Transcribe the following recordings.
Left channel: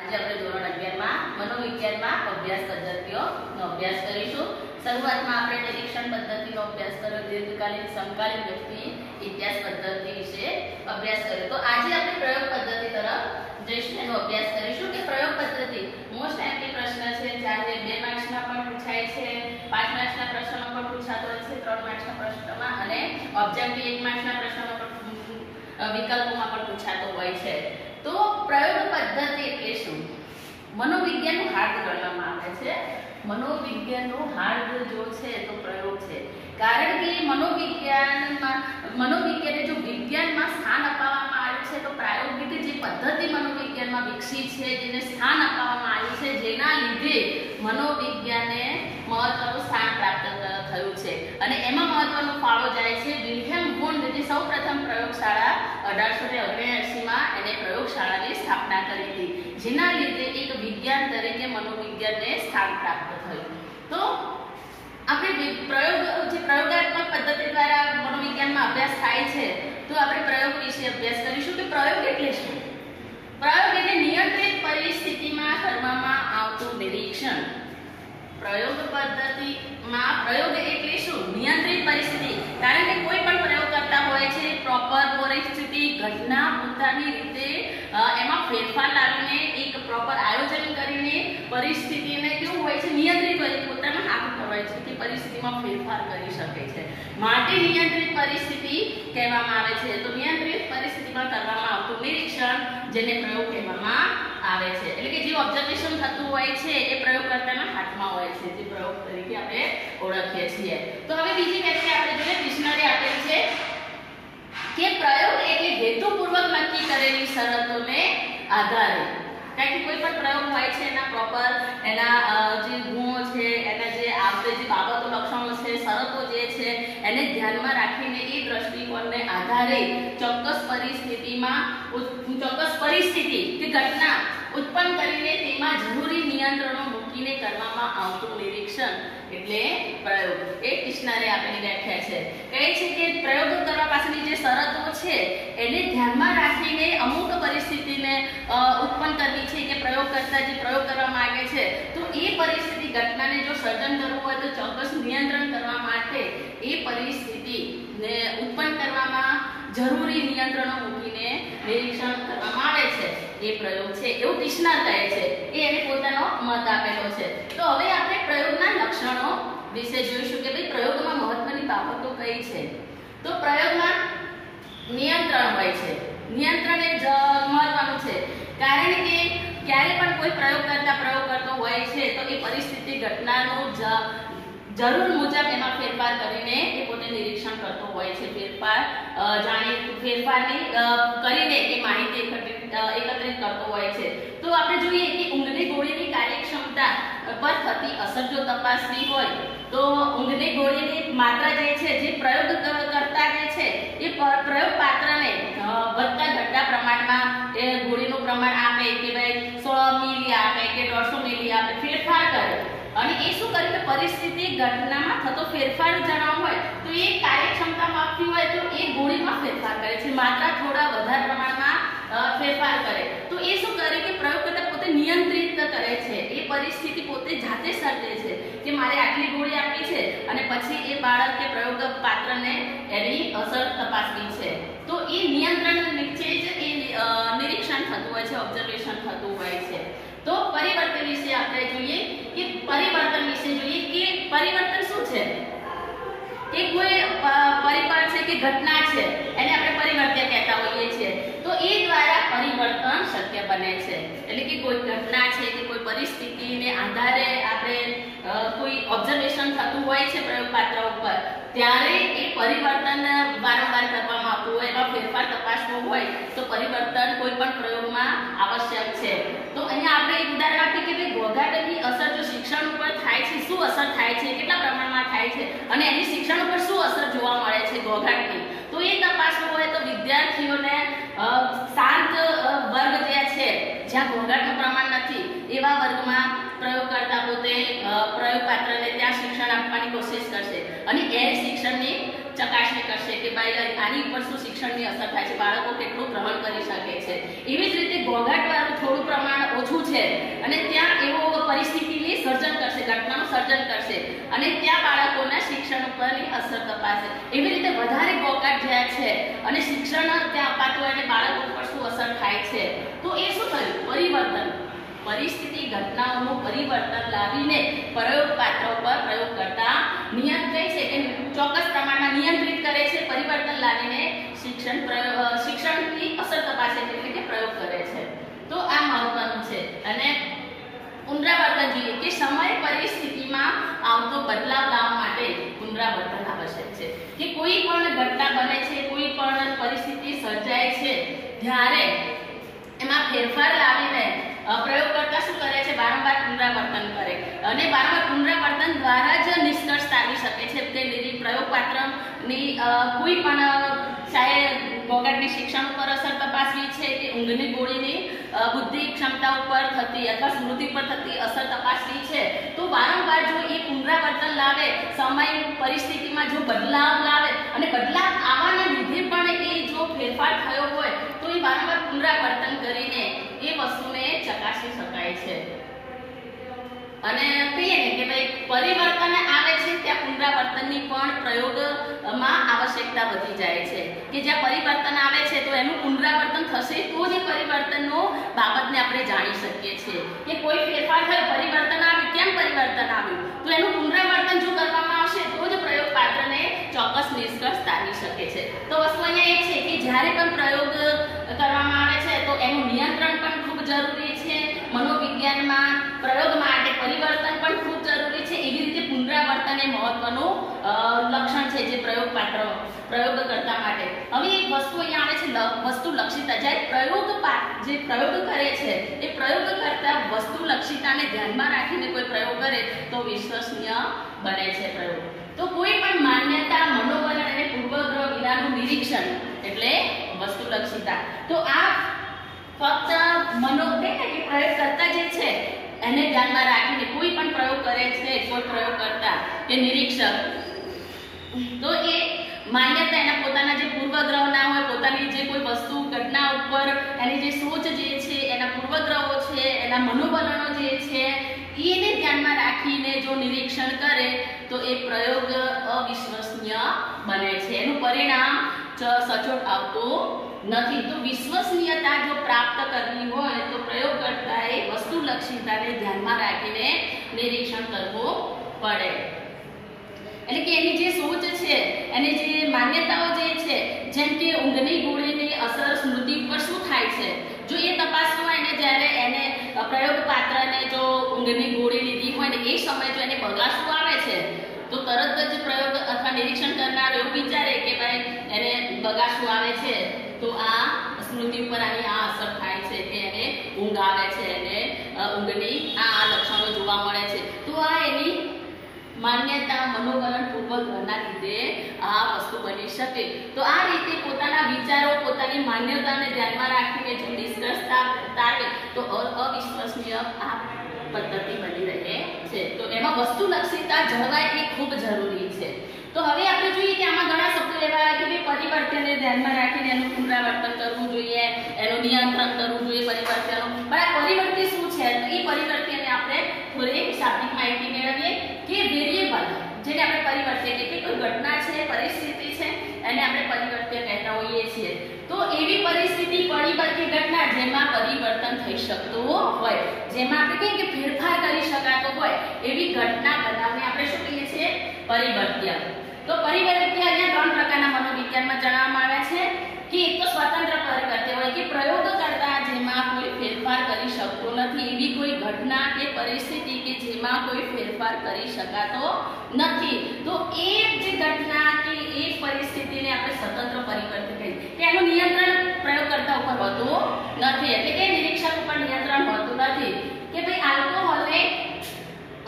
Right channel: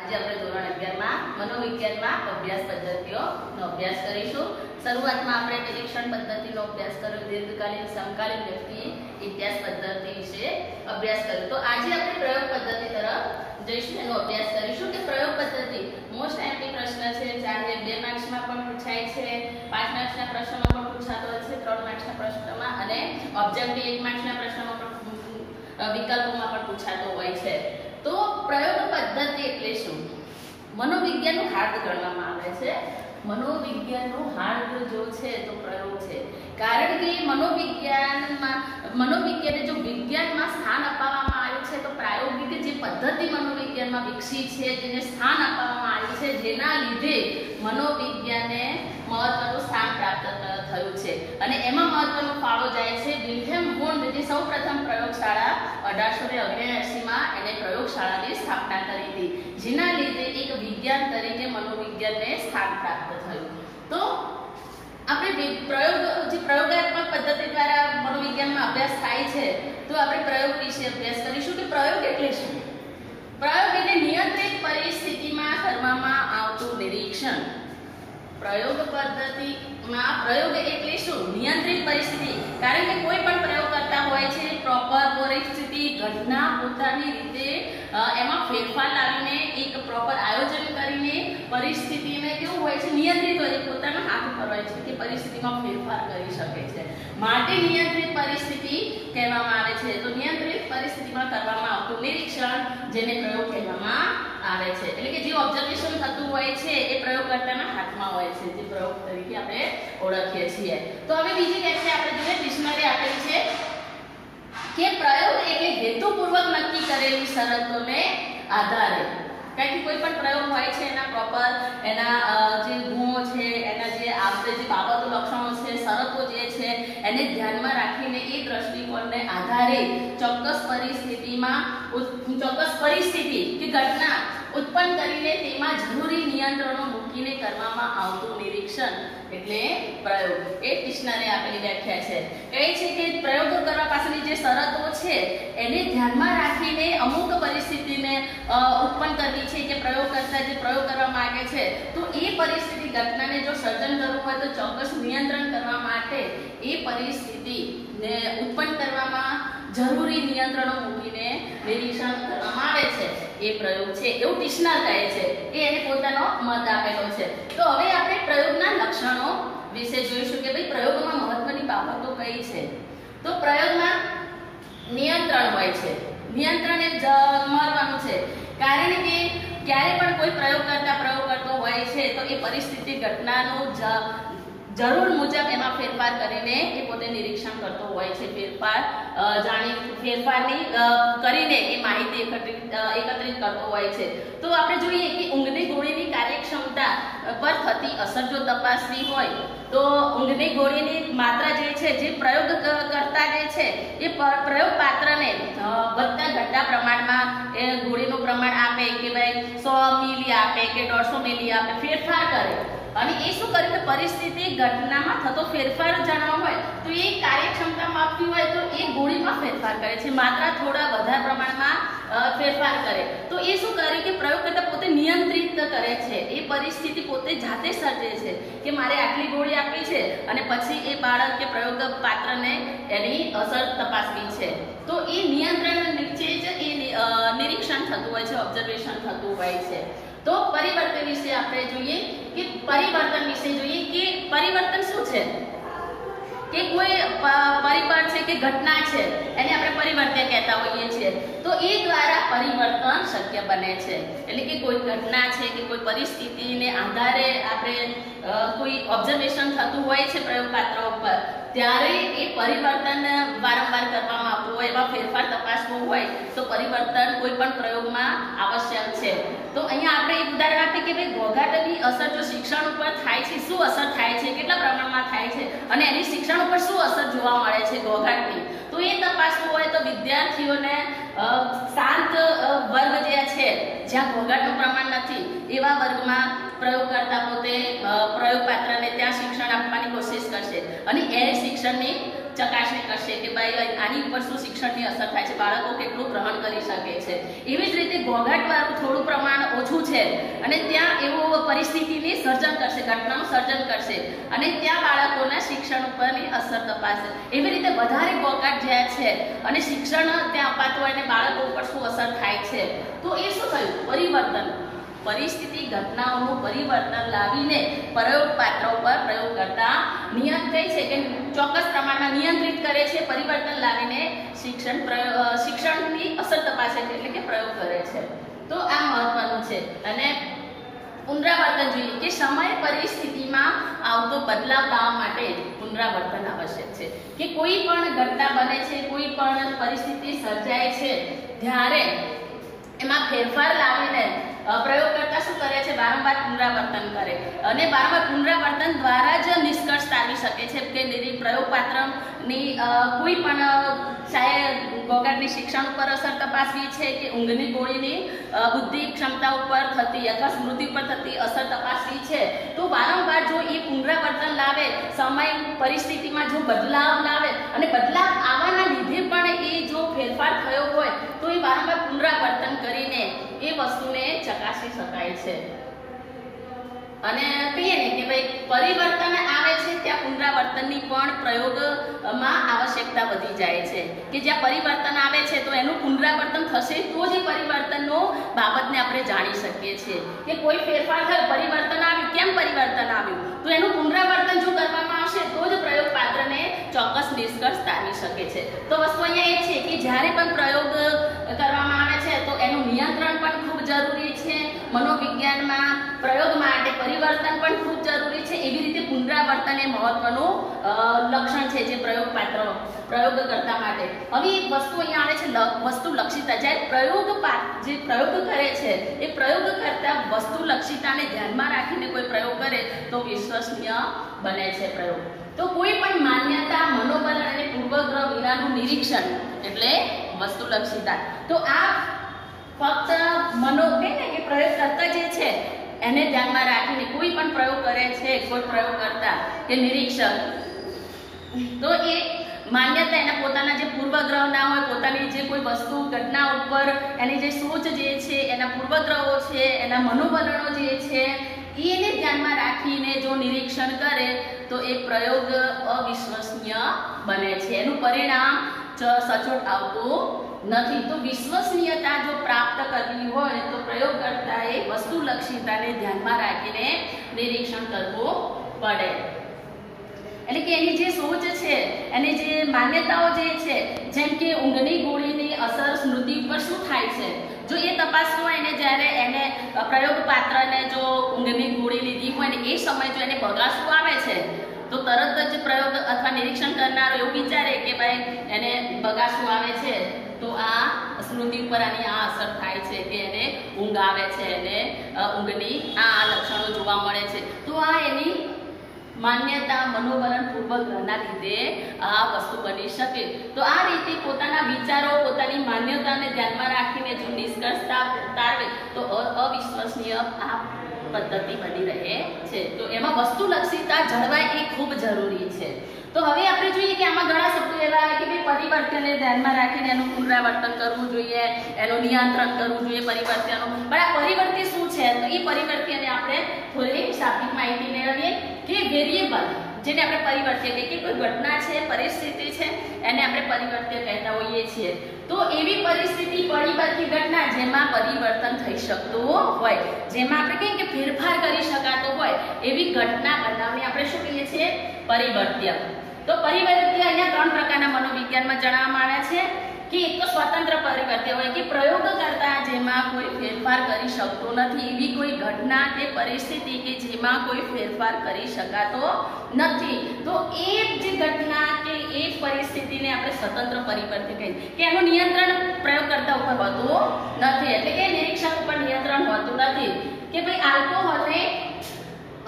આજે આપણે ધોરણ 11 માં મનોવિજ્ઞાનમાં અભ્યાસ પદ્ધતિઓનો અભ્યાસ કરીશું। શરૂઆતમાં આપણે નિરીક્ષણ પદ્ધતિનો અભ્યાસ કર્યો, દીર્ઘકાલીન સમકાલીન વ્યક્તિ ઇતિહાસ પદ્ધતિ વિશે અભ્યાસ કર્યો। તો આજે આપણે પ્રયોગ પદ્ધતિ તરફ જઈશું, એનો અભ્યાસ કરીશું કે પ્રયોગ પદ્ધતિ મોસ્ટ એમપી પ્રશ્ન છે, જ્યારે 2 માર્ક્સમાં પણ પૂછાય છે, 5 માર્ક્સના પ્રશ્નોમાં પણ પૂછાતો હોય છે, 3 માર્ક્સના પ્રશ્નોમાં અને ઓબ્જેક્ટિવ 1 માર્ક્સના પ્રશ્નોમાં પણ વિકલ્પોમાં પણ પૂછાતો હોય છે। તો પ્રયોગ પદ્ધતિ એટલે શું? મનોવિજ્ઞાનનું હાર્દ ગણવામાં આવે છે। મનોવિજ્ઞાનનું હાર્દ જો છે તો પ્રયોગ છે, કારણ કે મનોવિજ્ઞાનને જો વિજ્ઞાનમાં સ્થાન અપાવવામાં આવ્યું છે તો પ્રાયોગિક જે પદ્ધતિ મનોવિજ્ઞાનમાં વિકસી છે, જેને સ્થાન આપવામાં આવ્યું છે, જેના લીધે મનોવિજ્ઞાનને મહત્વનું સ્થાન પ્રાપ્ત થયું છે અને એમાં મહત્વનો ફાળો જાય છે વિલ્હેલ્મ વોન્ડ, જે સૌપ્રથમ પ્રયોગશાળા 1879 માં એને પ્રયોગશાળાની સ્થાપના કરી હતી, જેના લીધે એક વિજ્ઞાન તરીકે મનોવિજ્ઞાનને સ્થાન પ્રાપ્ત થયું। તો આપણે પ્રયોગાત્મક પદ્ધતિ દ્વારા મનોવિજ્ઞાનમાં અભ્યાસ થાય છે, તો આપણે પ્રયોગ વિશે અભ્યાસ કરીશું કે પ્રયોગ એટલે શું? પ્રયોગ એટલે નિયંત્રિત પરિસ્થિતિમાં કરવામાં આવતું નિરીક્ષણ। પ્રયોગ પદ્ધતિમાં પ્રયોગ એટલે શું? નિયંત્રિત પરિસ્થિતિ, કારણ કે કોઈ પણ પ્રયોગ કરતા હોય છે પ્રોપર પરિસ્થિતિ, ઘટના પોતાની રીતે એમાં ફેરફાર લાવીને એક પ્રોપર આયોજન કરીને પરિસ્થિતિને કેવું હોય છે, નિયંત્રિત હોય છે, પોતાના હાથ ઉપર હોય છે કે પરિસ્થિતિમાં ફેરફાર કરી શકે છે, માટે નિયંત્રિત પરિસ્થિતિ કહેવામાં આવે છે। તો નિયંત્રિત પરિસ્થિતિમાં કરવામાં આવતું નિરીક્ષણ, જેને પ્રયોગ કહેવામાં આવે છે, એટલે કે જે ઓબ્ઝર્વેશન થતું હોય છે એ પ્રયોગકર્તાના હાથમાં હોય છે, જે પ્રયોગ તરીકે આપણે ઓળખીએ છીએ। તો હવે બીજી વ્યાખ્યા આપણે જોઈએ, ડિક્શનરી આપેલી છે કે પ્રયોગ એટલે હેતુપૂર્વક નક્કી કરેલી શરતોને આધારે, કારણ કે કોઈ પણ પ્રયોગ હોય છે એના પ્રોપર એના જે ગુણો છે, એના જે આપણે જે બાબતો લક્ષણો છે, શરતો જે છે એને ધ્યાનમાં રાખીને એ દ્રષ્ટિકોણને આધારે ચોક્કસ પરિસ્થિતિ કે ઘટના ઉત્પન્ન કરીને તેમાં જરૂરી નિયંત્રણો મૂકીને કરવામાં આવતું નિરીક્ષણ એટલે પ્રયોગ। એક ડિક્શનરી આપેલી વ્યાખ્યા છે, કહે છે કે પ્રયોગ કરવા પાછળની જે શરતો છે એને ધ્યાનમાં રાખીને અમુક પરિસ્થિતિને ઉત્પન્ન કરવી છે કે પ્રયોગ કરતા જે પ્રયોગ કરવા માંગે છે, તો એ પરિસ્થિતિ ઘટનાને જો સર્જન કરવું હોય તો ચોક્કસ નિયંત્રણ કરવા માટે એ પરિસ્થિતિને ઉત્પન્ન કરવામાં જરૂરી નિયંત્રણો મૂકીને નિરીક્ષણ કરવામાં આવે છે, એ પ્રયોગ છે, એવું ટિશ્નર કહે છે, એ એને પોતાનો મત આપેલો છે। તો હવે આપણે પ્રયોગના લક્ષણો વિશે જોઈશું કે ભાઈ પ્રયોગમાં મહત્વની બાબતો કઈ છે। તો પ્રયોગમાં નિયંત્રણ હોય છે, નિયંત્રણ એ મહત્વનું છે, કારણ કે ક્યારે પણ કોઈ પ્રયોગ કરતો હોય છે તો એ પરિસ્થિતિ ઘટનાનું જરૂર મુજબ એમાં ફેરફાર કરીને એ પોતે નિરીક્ષણ કરતો હોય છે, ફેરફારની કરીને એ માહિતી એકત્રિત કરતો હોય છે। તો આપણે જોઈએ કે ઊંઘની ગોળીની કાર્યક્ષમતા પર થતી અસર જો તપાસવી હોય તો ઊંઘની ગોળીની માત્રા જે છે, જે પ્રયોગ કરતા જે છે એ પ્રયોગ પાત્રને વધતા ઘટતા પ્રમાણમાં એ ગોળીનું પ્રમાણ આપે કે ભાઈ 100 મિલી આપે કે 150 મિલી આપે, ફેરફાર કરે અને એ શું કરે કે પરિસ્થિતિ ઘટનામાં થતો ફેરફાર જાણવા હોય તો એ કાર્યક્ષમતા માપવી હોય તો એ ગોળીમાં ફેરફાર કરે છે, માત્રા થોડા વધારે પ્રમાણમાં ફેરફાર કરે, તો એ શું કરે કે પ્રયોગકર્તા પોતે નિયંત્રિત કરે છે, એ પરિસ્થિતિ પોતે જાતે સર્જે છે કે મારે આટલી ગોળી આપી છે અને પછી એ બાળક કે પ્રયોગ પાત્રને એની અસર તપાસવી છે, તો એ નિયંત્રણ નીચે જ એ નિરીક્ષણ થતું હોય છે, ઓબ્ઝર્વેશન થતું હોય છે। તો પરિવર્તન વિશે આપણે જોઈએ કે પરિવર્તન શું છે કે કોઈ પરિબળ છે કે ઘટના છે એને આપણે પરિવર્તન કહેતા હોઈએ છીએ, તો એ દ્વારા પરિવર્તન શક્ય બને છે, એટલે કે કોઈ ઘટના છે કે કોઈ પરિસ્થિતિને આધારે આપણે કોઈ ઓબ્ઝર્વેશન થતું હોય છે પ્રયોગપાત્ર ઉપર, ત્યારે એ પરિવર્તન વારંવાર કરવામાં આવતું હોય, એમાં ફેરફાર તપાસવો હોય તો પરિવર્તન કોઈ પણ પ્રયોગમાં આવશ્યક છે। તો અહીંયા આપણે એક ઉદાહરણ આપીએ કે ભાઈ ઘોઘાટની અસર જો શિક્ષણ ઉપર થાય છે, શું અસર થાય છે, કેટલા પ્રમાણમાં થાય છે અને એની શિક્ષણ ઉપર શું અસર જોવા મળે છે ઘોઘાટની, તો એ તપાસવું હોય તો વિદ્યાર્થીઓને શાંત વર્ગ જે છે જ્યાં ઘોઘાટનું પ્રમાણ નથી એવા વર્ગમાં પ્રયોગકર્તા પોતે પ્રયોગપાત્રને ત્યાં શિક્ષણ આપવાની કોશિશ કરશે અને એ શિક્ષણની ચકાસણી કરશે કે ભાઈ આની ઉપર શું શિક્ષણની અસર થાય છે, બાળકો કેટલું ગ્રહણ કરી શકે છે। એવી જ રીતે ઘોંઘાટ વાળું થોડું પ્રમાણ ઓછું છે અને ત્યાં એવો પરિસ્થિતિની સર્જન કરશે, ઘટનાનું સર્જન કરશે અને ત્યાં બાળકોના શિક્ષણ ઉપરની અસર તપાસે. એવી રીતે વધારે બોકાટ જ્યાં છે અને શિક્ષણ ત્યાં અપાતું હોય અને બાળકો ઉપર શું અસર થાય છે, તો એ શું થયું? પરિવર્તન, પરિસ્થિતિ ઘટનાઓનું પરિવર્તન લાવીને પ્રયોગ પાત્ર ઉપર પ્રયોગ કરતા નિયંત્રિત છે કે ચોક્કસ પ્રમાણમાં નિયંત્રિત કરે છે, પરિવર્તન લાવીને શિક્ષણની અસર તપાસે એટલે કે પ્રયોગ કરે છે. તો આ મહત્વનું છે. અને પુનરાવર્તન જોઈએ કે સમય પરિસ્થિતિમાં આવતો બદલાવ લાવવા માટે પુનરાવર્તન આવશ્યક છે. કે કોઈ પણ ઘટના બને છે, કોઈ પણ પરિસ્થિતિ સર્જાય છે, જ્યારે એમાં ફેરફાર લાવીને પ્રયોગકર્તા શું કરે છે? વારંવાર પુનરાવર્તન કરે અને વારંવાર પુનરાવર્તન દ્વારા જ નિષ્કર્ષ કાઢી શકે છે કે પ્રયોગપાત્રની કોઈ પણ ચાહે બોગાટની શિક્ષણ ઉપર અસર તપાસવી છે કે ઊંઘની ગોળીની બુદ્ધિ ક્ષમતા ઉપર થતી અથવા સ્મૃતિ પર થતી અસર તપાસવી છે, તો વારંવાર જો એ પુનરાવર્તન લાવે, સમય પરિસ્થિતિમાં જો બદલાવ લાવે અને બદલાવ આવવાના લીધે પણ એ જો ફેરફાર થયો હોય તો એ વારંવાર પુનરાવર્તન કરીને એ વસ્તુને ચકાસી શકાય છે. અને કહીએ ને કે ભાઈ પરિવર્તન આવે છે ત્યાં પુનરાવર્તનની પણ પ્રયોગમાં આવશ્યકતા વધી જાય છે. કે જ્યાં પરિવર્તન આવે છે તો એનું પુનરાવર્તન થશે તો જ પરિવર્તનનો બાબતને આપણે જાણી શકીએ છીએ. કે કોઈ ફેરફાર થયો, પરિવર્તન આવ્યું, કેમ પરિવર્તન આવ્યું, તો એનું પુનરાવર્તન જો કરવામાં આવશે તો જ પ્રયોગ પાત્રને ચોક્કસ નિષ્કર્ષ તારવી શકે છે. તો વસ્તુ અહીંયા એ છે કે જ્યારે પણ પ્રયોગ કરવામાં આવે છે તો એનું નિયંત્રણ પણ ખૂબ જરૂરી છે. મનોવિજ્ઞાનમાં પ્રયોગ માટે પરિવર્તન પણ ખૂબ જરૂરી છે. એવી રીતે પુનરાવર્તન એ મહત્વનું લક્ષણ છે જે પ્રયોગ કરતા માટે. હવે એક વસ્તુ અહીંયા આવે છે વસ્તુ લક્ષિતા. જ્યારે જે પ્રયોગ કરે છે એ પ્રયોગ કરતા વસ્તુ લક્ષિતાને ધ્યાનમાં રાખીને કોઈ પ્રયોગ કરે તો વિશ્વસનીય બને છે પ્રયોગ. તો કોઈ પણ માન્યતા, મનોવલણ અને પૂર્વગ્રહ વિનાનું નિરીક્ષણ એટલે વસ્તુલક્ષિતા. તો આ ફક્ત કે પ્રયોગ કરતા જે છે એને ધ્યાનમાં રાખીને કોઈ પણ પ્રયોગ કરે છે, કોઈ પ્રયોગ કરતા કે નિરીક્ષક, તો એ માન્યતા એના પોતાના જે પૂર્વગ્રહ ના હોય, પોતાની જે કોઈ વસ્તુ ઘટના ઉપર એની જે સોચ જે છે, એના પૂર્વગ્રહો છે, એના મનોવલણો જે છે એને ધ્યાનમાં રાખીને જો નિરીક્ષણ કરે તો એ પ્રયોગ અવિશ્વસનીય બને છે. એનું પરિણામ સચોટ આવતું નથી. તો વિશ્વસનીયતા જો પ્રાપ્ત કરવી હોય તો પ્રયોગકર્તાએ વસ્તુલક્ષિતાને ધ્યાનમાં રાખીને નિરીક્ષણ કરવું પડે. એટલે કે એની જે સોચ છે, એની જે માન્યતાઓ જે છે, જેમ કે ઊંઘની ગોળીની અસર સ્મૃતિ પર શું થાય છે, જો એ તપાસવું હોય ને જ્યારે એને પ્રયોગ પાત્રને જો ઊંઘની ગોળી લીધી હોય ને એ સમયે જો એને બગાસવું આવે છે તો તરત જ પ્રયોગ અથવા નિરીક્ષણ કરનારો એવું વિચારે કે ભાઈ એને બગાસવું આવે છે તો આ સ્મૃતિ ઉપર આની આ અસર થાય છે કે એને ઊંઘ આવે છે, એને ઊંઘની આ લક્ષણો જોવા મળે છે. તો આ એની માન્યતા, મનોવલણ, પૂર્વગ્રહના લીધે આ વસ્તુ બની શકે. તો આ રીતે પોતાના વિચારો, પોતાની માન્યતાને ધ્યાનમાં રાખીને જો નિષ્કર્ષ તારવે તો અવિશ્વસનીય આ પદ્ધતિ બની રહે છે. તો એમાં વસ્તુલક્ષિતા જળવાય એ ખૂબ જરૂરી છે. તો હવે આપણે જોઈએ કે આમાં ઘણા શબ્દો એવા આવે કે ભાઈ પરિવર્તનને ધ્યાનમાં રાખીને એનું પુનરાવર્તન કરવું જોઈએ, એનું નિયંત્રણ કરવું જોઈએ પરિવર્તનનું. પણ આ પરિવર્તન શું છે? તો એ પરિવર્તનને આપણે થોડી શાબ્દિક માહિતી મેળવીએ કે વેરિયેબલ જેને આપણે પરિવર્તન એટલે કે કોઈ ઘટના છે, પરિસ્થિતિ છે, એને આપણે પરિવર્તન કહેતા હોઈએ છીએ. તો એવી પરિસ્થિતિ, પરિબળ કે ઘટના જેમાં પરિવર્તન થઈ શકતું હોય, જેમાં આપણે કહીએ કે ફેરફાર કરી શકાતો હોય એવી ઘટના બનાવને આપણે શું કહીએ છીએ? પરિવર્ત્ય. તો પરિવર્ત્ય અહીંયા ત્રણ પ્રકારના મનોવિજ્ઞાનમાં જણાવવામાં આવે છે કે એક તો સ્વતંત્ર પરિવર્ત્ય હોય કે પ્રયોગ કરતા જેમાં કોઈ ફેરફાર કરી શકતો નથી એવી કોઈ ઘટના કે પરિસ્થિતિ કે જેમાં કોઈ ફેરફાર કરી શકાતો નથી. તો એ જે ઘટના કે એ પરિસ્થિતિને આપણે સ્વતંત્ર પરિવર્ત્ય કહીએ કે એનું નિયંત્રણ પ્રયોગકર્તા ઉપર હોતું નથી. એટલે કે નિરીક્ષક ઉપર નિયંત્રણ હોતું નથી. કે ભાઈ આલ્કોહોલને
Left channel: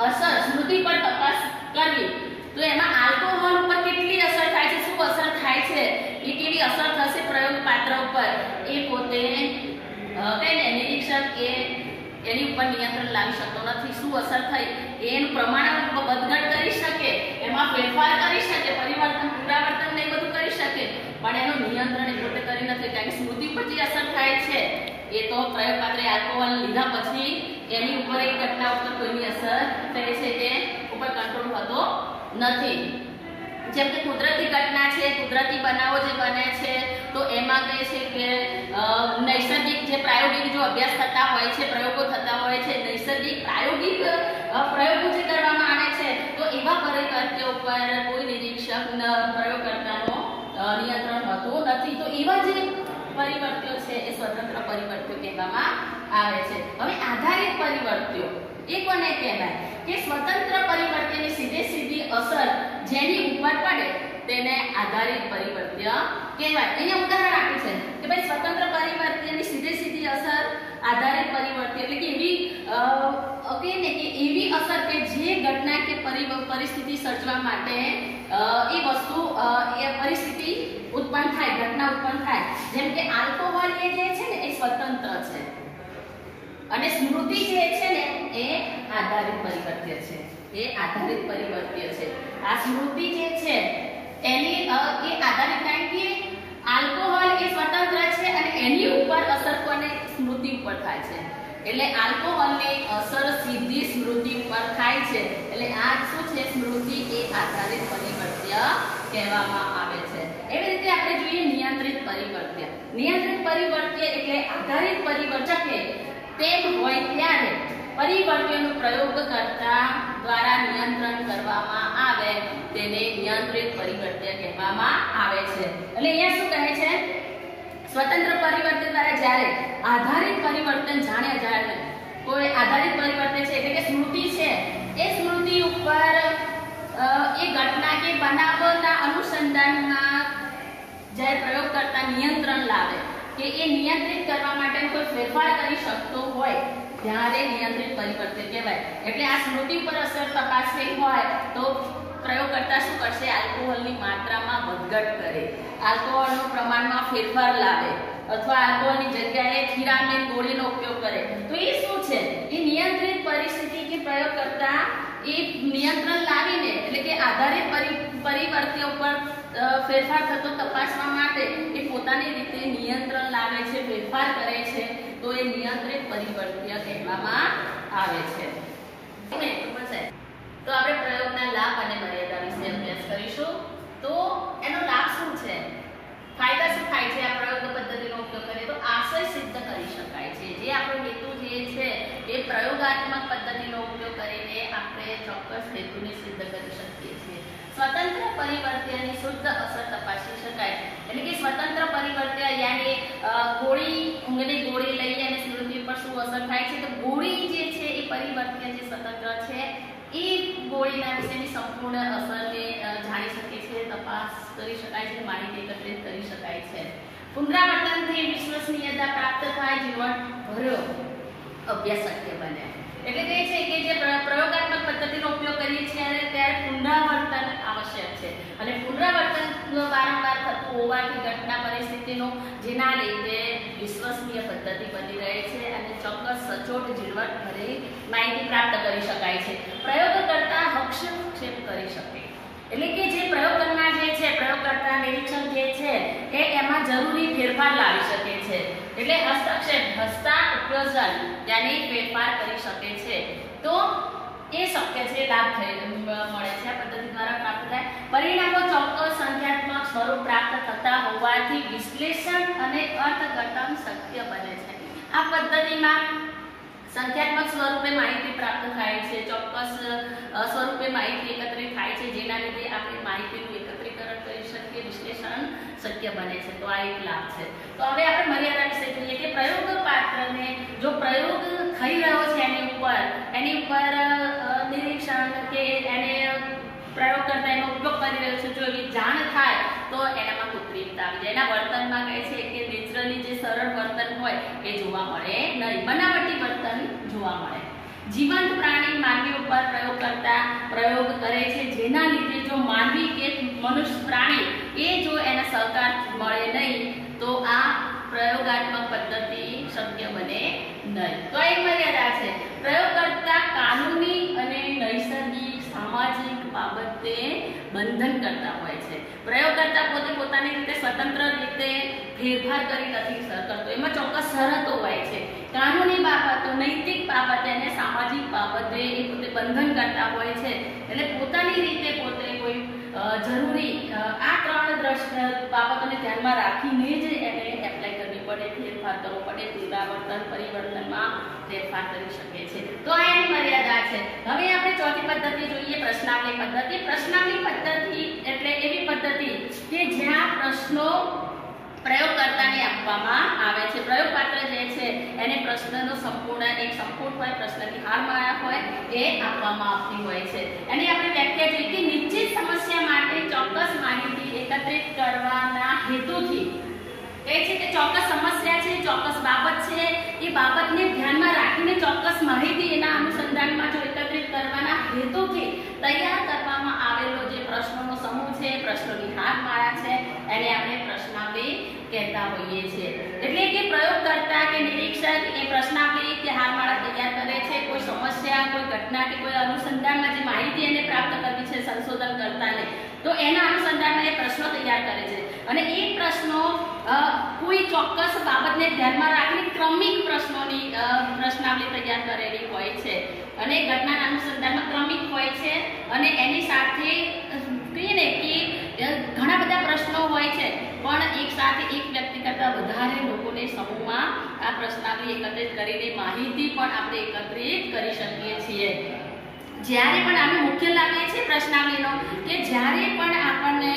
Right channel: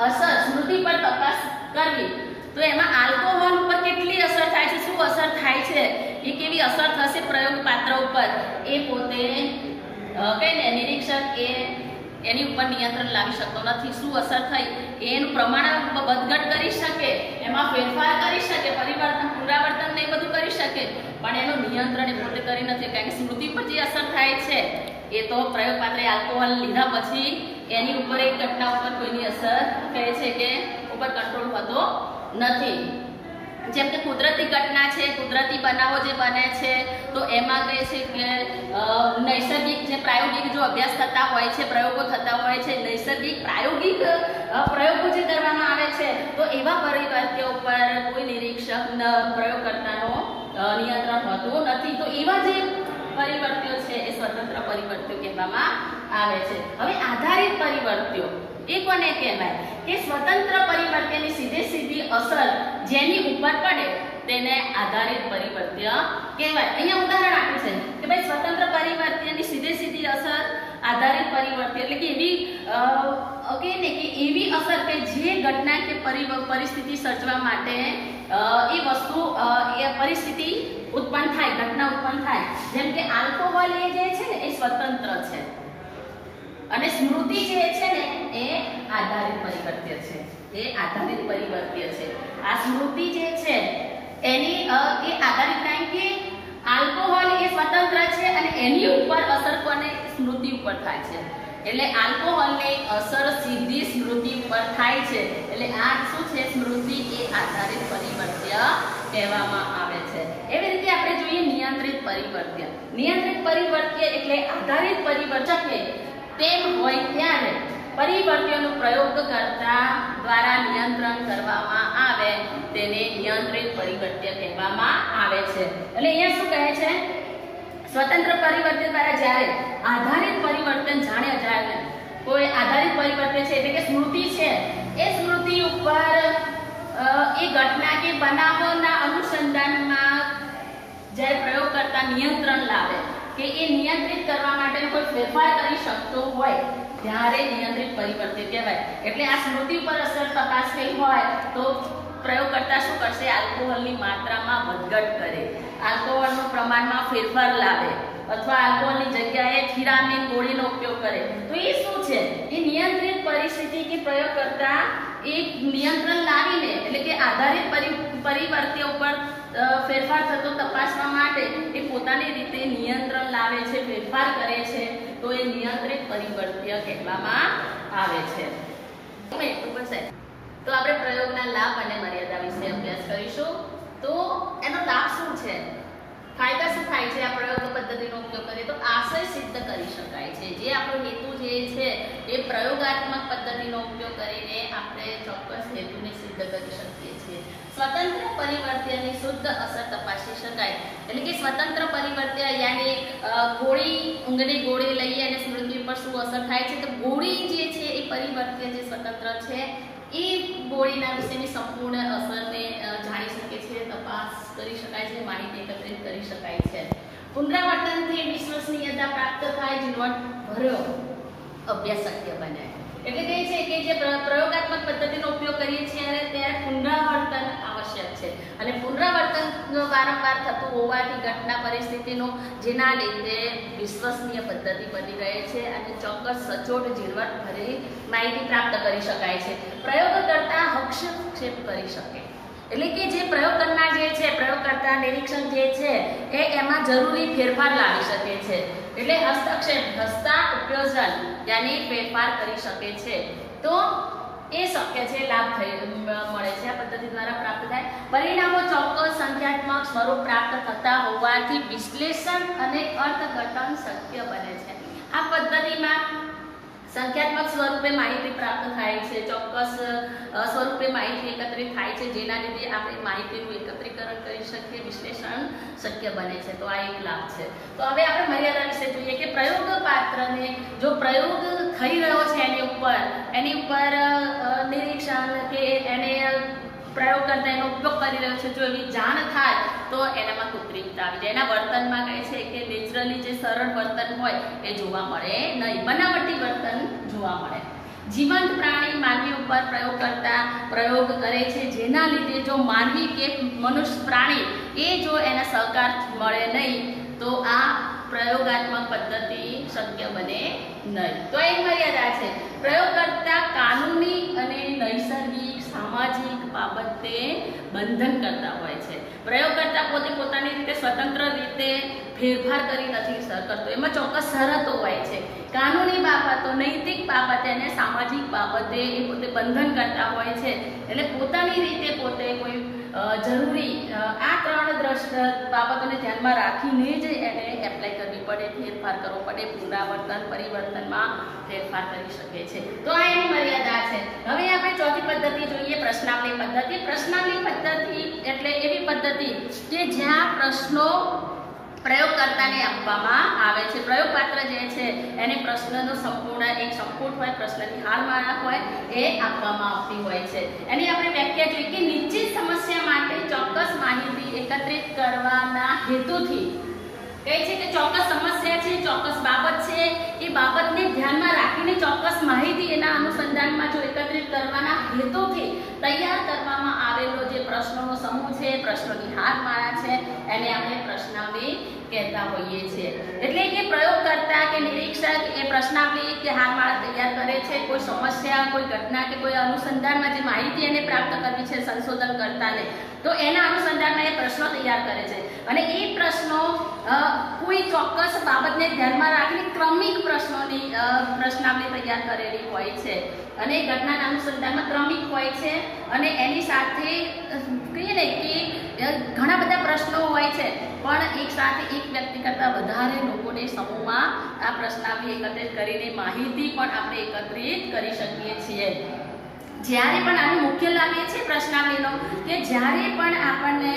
અસર સ્મૃતિ પર તપાસ કરવી તો એમાં આલ્કોહોલ ઉપર કેટલી અસર થાય છે, શું અસર થાય છે, એ કેવી અસર થશે પ્રયોગ પાત્ર ઉપર, એ પોતે કહીને નિરીક્ષક એની ઉપર નિયંત્રણ લાવી શકતો નથી. શું અસર થઈ એનું પ્રમાણ વધઘટ કરી શકે, એમાં ફેરફાર કરી શકે, પરિવર્તન, પુનરાવર્તન ને બધું કરી શકે, પણ એનું નિયંત્રણ એ પોતે કરી નથી. કારણ કે સ્મૃતિ પર જે અસર થાય છે એ તો પ્રયોગ પાત્રે આલ્કોહોલ લીધા પછી એની ઉપર એક ઘટના ઉપર કોઈની અસર કહે છે કે ઉપર કંટ્રોલ થતો નથી. જેમ કે કુદરતી ઘટના છે, કુદરતી બનાવો જે બને છે તો એમાં કહે છે કે નૈસર્ગિક જે પ્રાયોગિક જો અભ્યાસ થતા હોય છે, પ્રયોગો થતા હોય છે, નૈસર્ગિક પ્રાયોગિક પ્રયોગો જે કરવામાં આવે છે તો એવા પરિવર્ત્યો ઉપર કોઈ નિરીક્ષક પ્રયોગકર્તાનો નિયંત્રણ હોતું નથી. તો એવા જે પરિવર્ત્યો છે એ સ્વતંત્ર પરિવર્ત્યો કહેવામાં આવે છે. હવે આધારિત પરિવર્ત્યો એ કોને કહેવાય કે સ્વતંત્ર પરિવર્ત્યની સીધી અસર જેની ઉપર પડે તેને આધારિત પરિવર્ત્ય કહેવાય. એને ઉદાહરણ આપ્યું છે કે ભાઈ સ્વતંત્ર પરિવર્ત્યની સીધી અસર આધારિત પરિવર્ત્ય એટલે કે એવી કે એવી અસર કે જે ઘટના કે પરિસ્થિતિ સર્જવા માટે એ વસ્તુ એ પરિસ્થિતિ ઉત્પન્ન થાય, ઘટના ઉત્પન્ન થાય. જેમ કે આલ્કોહોલ એ જે છે ને એ સ્વતંત્ર છે અને સ્મૃતિ જે છે ને એ આધારિત પરિવર્ત્ય છે. એ આધારિત પરિવર્ત્ય છે. આ સ્મૃતિ જે છે એની એ આધારિત કારણ કે આલ્કોહોલ એ સ્વતંત્ર છે અને એની ઉપર અસર કોને સ્મૃતિ ઉપર થાય છે. એટલે આલ્કોહોલની અસર સીધી સ્મૃતિ ઉપર થાય છે. એટલે આ શું છે સ્મૃતિ એ આધારિત પરિવર્ત્ય કહેવામાં આવે છે. એવી રીતે આપણે જોઈએ નિયંત્રિત પરિવર્ત્ય. નિયંત્રિત પરિવર્ત્ય એટલે આધારિત પરિવર્તકે તેમ હોય ત્યારે પરિવર્ત્યનો પ્રયોગ કરતા દ્વારા નિયંત્રણ કરવામાં આવે તેને નિયંત્રિત પરિવર્ત્ય કહેવામાં આવે છે. એટલે અહીંયા શું કહે છે સ્વતંત્ર પરિવર્તન દ્વારા જ્યારે આધારિત પરિવર્તન જાણ્યા જાય કોઈ આધારિત પરિવર્તન છે એટલે કે સ્મૃતિ છે એ સ્મૃતિ ઉપર એ ઘટના કે બનાવોના અનુસંધાનમાં જ્યારે પ્રયોગ કરતા નિયંત્રણ લાવે કે એ નિયંત્રિત કરવા માટે કોઈ ફેરફાર કરી શકતો હોય ત્યારે નિયંત્રિત પરિવર્તન કહેવાય. એટલે આ સ્મૃતિ પર અસર તપાસવી હોય તો પ્રયોગકર્તા શું કરશે આલ્કોહોલની માત્રામાં વધઘટ કરે, આલ્કોહોલનું પ્રમાણમાં ફેરફાર લાવે અથવા આલ્કોહોલની જગ્યાએ થિરામિન ગોળીનો ઉપયોગ કરે. તો એ શું છે એ નિયંત્રિત પરિસ્થિતિ કે પ્રયોગકર્તા એ નિયંત્રણ લાવીને એટલે કે આધારિત પરિવર્ત્યો પર ફેરફાર થતો તપાસવા માટે એ પોતાની રીતે નિયંત્રણ લાવે છે, ફેરફાર કરે છે તો એ નિયંત્રિત પરિવર્ત્ય કહેવામાં આવે છે. તો આપણે પ્રયોગના લાભ અને મર્યાદા વિશે અભ્યાસ કરીશું. તો એનો લાભ શું છે, ફાયદા શું થાય છે આ પ્રયોગ પદ્ધતિનો ઉપયોગ કરીએ તો આશય સિદ્ધ કરી શકાય છે. જે આપણો હેતુ જે છે એ પ્રયોગાત્મક પદ્ધતિનો ઉપયોગ કરીને આપણે ચોક્કસ હેતુને સિદ્ધ કરી શકીએ છીએ. સ્વતંત્ર પરિવર્ત્યની શુદ્ધ અસર તપાસી શકાય. એટલે કે સ્વતંત્ર પરિવર્ત્ય યાની ઊંઘની ગોળી લઈએ અને સ્મૃતિ પર શું અસર થાય છે તો ગોળી જે છે એ પરિવર્ત્ય જે સ્વતંત્ર છે એ ગોળીના વિશેની સંપૂર્ણ અસરને જાણી શકે છે, તપાસ કરી શકાય છે, માહિતી એકત્રિત કરી શકાય છે. પુનરાવર્તનથી વિશ્વસનીયતા પ્રાપ્ત થાય, જીવનભર અભ્યાસ શક્ય બને. એટલે કહે છે કે જે પ્રયોગાત્મક પદ્ધતિનો ઉપયોગ કરીએ છીએ અને ત્યારે પુનરાવર્તન આવશ્યક છે અને પુનરાવર્તન વારંવાર થતું હોવાથી ઘટના પરિસ્થિતિનો જેના લીધે વિશ્વસનીય પદ્ધતિ બની રહે છે અને ચોક્કસ સચોટ ઝીણવટભરી માહિતી પ્રાપ્ત કરી શકાય છે. પ્રયોગ કરતા હસ્તક્ષેપ કરી શકે એટલે કે જે પ્રયોગ કરનાર જે છે પ્રયોગકર્તા નિરીક્ષક જે છે એ એમાં જરૂરી ફેરફાર લાવી શકે છે. એટલે હસ્તક્ષેપ હસ્તાક્ષેપન યાની ફેરફાર કરી શકે છે. તો એ શક્ય છે, લાભ મળે છે આ પદ્ધતિ દ્વારા પ્રાપ્ત થાય. પરિણામો ચોક્કસ સંખ્યાત્મક સ્વરૂપ પ્રાપ્ત થતા હોવાથી વિશ્લેષણ અને અર્થઘટન શક્ય બને છે. આ પદ્ધતિમાં સંખ્યાત્મક સ્વરૂપે માહિતી પ્રાપ્ત થાય છે, ચોક્કસ સ્વરૂપે માહિતી એકત્રિત થાય છે જેના લીધે આપણે માહિતીનું એકત્રીકરણ કરી શકીએ, વિશ્લેષણ શક્ય બને છે. તો આ એક લાભ છે. તો હવે આપણે મર્યાદા વિશે જોઈએ કે પ્રયોગ પાત્રને જો પ્રયોગ થઈ રહ્યો છે એની ઉપર નિરીક્ષણ કે એને પ્રયોગ કરતા એનો ઉપયોગ કરી રહ્યો છે જો એવી જાણ થાય તો એનામાં કૃત્રિમતા આવે. એના વર્તનમાં કહે છે કે નેચરલી જે સરળ વર્તન હોય એ જોવા મળે નહીં, બનાવટી વર્તન જોવા મળે. જીવંત પ્રાણી માનવી ઉપર પ્રયોગ કરતા પ્રયોગ કરે છે જેના લીધે જો માનવી કે મનુષ્ય પ્રાણી એ જો એના સહકાર મળે નહીં તો આ પ્રયોગાત્મક પદ્ધતિ શક્ય બને નહીં. તો એક મર્યાદા છે. પ્રયોગ કરતા કાનૂની અને નૈસર્ગિક સામાજિક બાબતે બંધન કરતા હોય છે. પ્રયોગકર્તા પોતે પોતાની રીતે સ્વતંત્ર રીતે ફેરફાર કરી નથી કરતો. એમાં ચોક્કસ શરતો હોય છે, કાનૂની બાબતો, નૈતિક બાબતે અને સામાજિક બાબતે એ પોતે બંધન કરતા હોય છે. અને પોતાની રીતે પોતે કોઈ જરૂરી આ ત્રણ બાબતોને ધ્યાનમાં રાખીને જ એને એપ્લાય કરવી પડે, ફેરફાર કરવો પડે, પુનરાવર્તન પરિવર્તનમાં ફેરફાર કરી શકે છે. તો આ એની મર્યાદા છે. હવે આપણે ચોથી પદ્ધતિ જોઈએ, પ્રશ્નાવલી પદ્ધતિ. પ્રશ્નાવલી પદ્ધતિ એટલે એવી પદ્ધતિ કે જ્યાં પ્રશ્નો પ્રયોગકર્તાને આપવામાં આવે છે. પ્રયોગપાત્ર જે છે એને પ્રશ્નનો સંપૂર્ણ હોય, પ્રશ્નની હાલમાં હોય એ આપવામાં આવતી હોય છે. એની આપણે વ્યાખ્યા જોઈએ કે નિશ્ચિત સમસ્યા માટે ચોક્કસ માહિતી એકત્રિત કરવાના હેતુથી કહે છે કે ચોક્કસ સમસ્યા છે, ચોક્કસ બાબત છે, એ બાબતને ધ્યાનમાં રાખીને ચોક્કસ માહિતી એના અનુસંધાનમાં જો એકત્રિત કરવાના હેતુથી તૈયાર કરવામાં આવેલો જે પ્રશ્નોનો સમૂહ છે, પ્રશ્નોની હારમાળા છે, એને આપણે પ્રશ્નાવલી કહેતા હોઈએ છીએ. એટલે કે પ્રયોગકર્તા કે નિરીક્ષક એ પ્રશ્નાવલી કે હારમાળા તૈયાર કરે છે. કોઈ સમસ્યા, કોઈ ઘટના કે કોઈ અનુસંધાનમાં જે માહિતી એને પ્રાપ્ત કરવી છે સંશોધનકર્તાને, તો એના અનુસંધાનમાં એ પ્રશ્નો તૈયાર કરે છે. અને એ પ્રશ્નો કોઈ ચોક્કસ બાબતને ધ્યાનમાં રાખીને ક્રમિક પ્રશ્નોની પ્રશ્નાવલી તૈયાર કરેલી હોય છે. અને ઘટનાના અનુસંધાનમાં ક્રમિક હોય છે. અને એની સાથે કહીએ ને કે ઘણા બધા પ્રશ્નો હોય છે, પણ એક સાથે એક વ્યક્તિ કરતાં વધારે લોકોને સમૂહમાં આ પ્રશ્નાવલી એકત્રિત કરીને માહિતી પણ આપણે એકત્રિત કરી શકીએ છીએ. જ્યારે પણ આપણે મુખ્ય લાવીએ છીએ પ્રશ્નાવલીનો કે જ્યારે પણ આપણને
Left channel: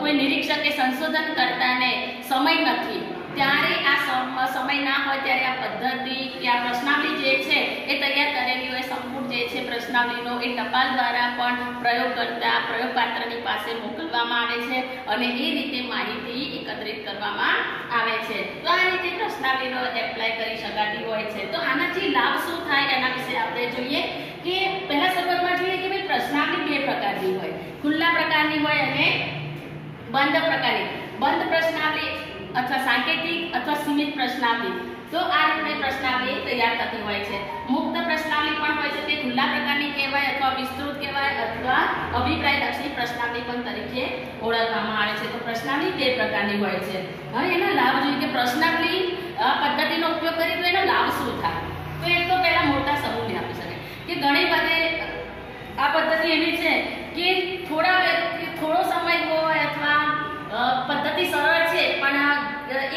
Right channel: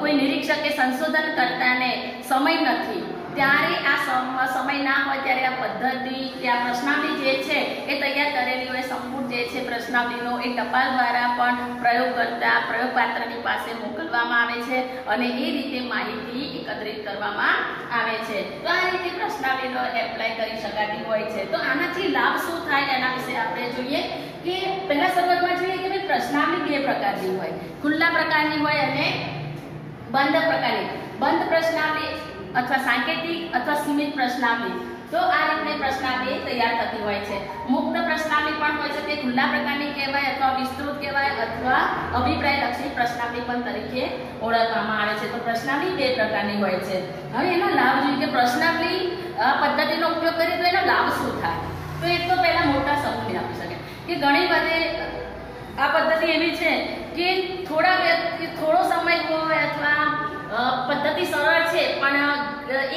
કોઈ નિરીક્ષક કે સંશોધનકર્તાને સમય નથી, ત્યારે આ સમય ના હોય ત્યારે આ પદ્ધતિ કે આ પ્રશ્નાવલી જે છે એ તૈયાર કરેલી હોય, સંપૂર્ણ જે છે પ્રશ્નાવલીનો એ ટપાલ દ્વારા પણ પ્રયોગપાત્રની પાસે મોકલવામાં આવે છે અને એ રીતે માહિતી એકત્રિત કરવામાં આવે છે. તો આ રીતે પ્રશ્નાવલીનો એપ્લાય કરી શકાતી હોય છે. તો આનાથી લાભ શું થાય એના વિશે આપણે જોઈએ કે પહેલા શરૂઆતમાં જોઈએ કે ભાઈ પ્રશ્નાવલી બે પ્રકારની હોય, ખુલ્લા પ્રકારની હોય અને બંધ પ્રકારની. બંધ પ્રશ્નાવલી અથવા સાંકેતિક અથવા સીમિત પ્રશ્નાવલી, તો આ રીતે પ્રશ્નાવલી તૈયાર થતી હોય છે. મુક્ત પ્રશ્નાવલી પણ હોય છે, તે ખુલ્લા પ્રકારની કહેવાય અથવા વિસ્તૃત કહેવાય અથવા અભિપ્રાયલક્ષી પ્રશ્નાવલી પણ તરીકે ઓળખવામાં આવે છે. તો પ્રશ્નાવલી બે પ્રકારની હોય છે. હવે એનો લાભ જોઈએ કે પ્રશ્નાવલી પદ્ધતિનો ઉપયોગ કરી તો એનો લાભ શું થાય. તો એક તો પહેલા મોટા સમૂહને આપી શકે કે ઘણી બધી આ પદ્ધતિ એવી છે કે થોડો સમય હોય અથવા પદ્ધતિ સરળ છે, પણ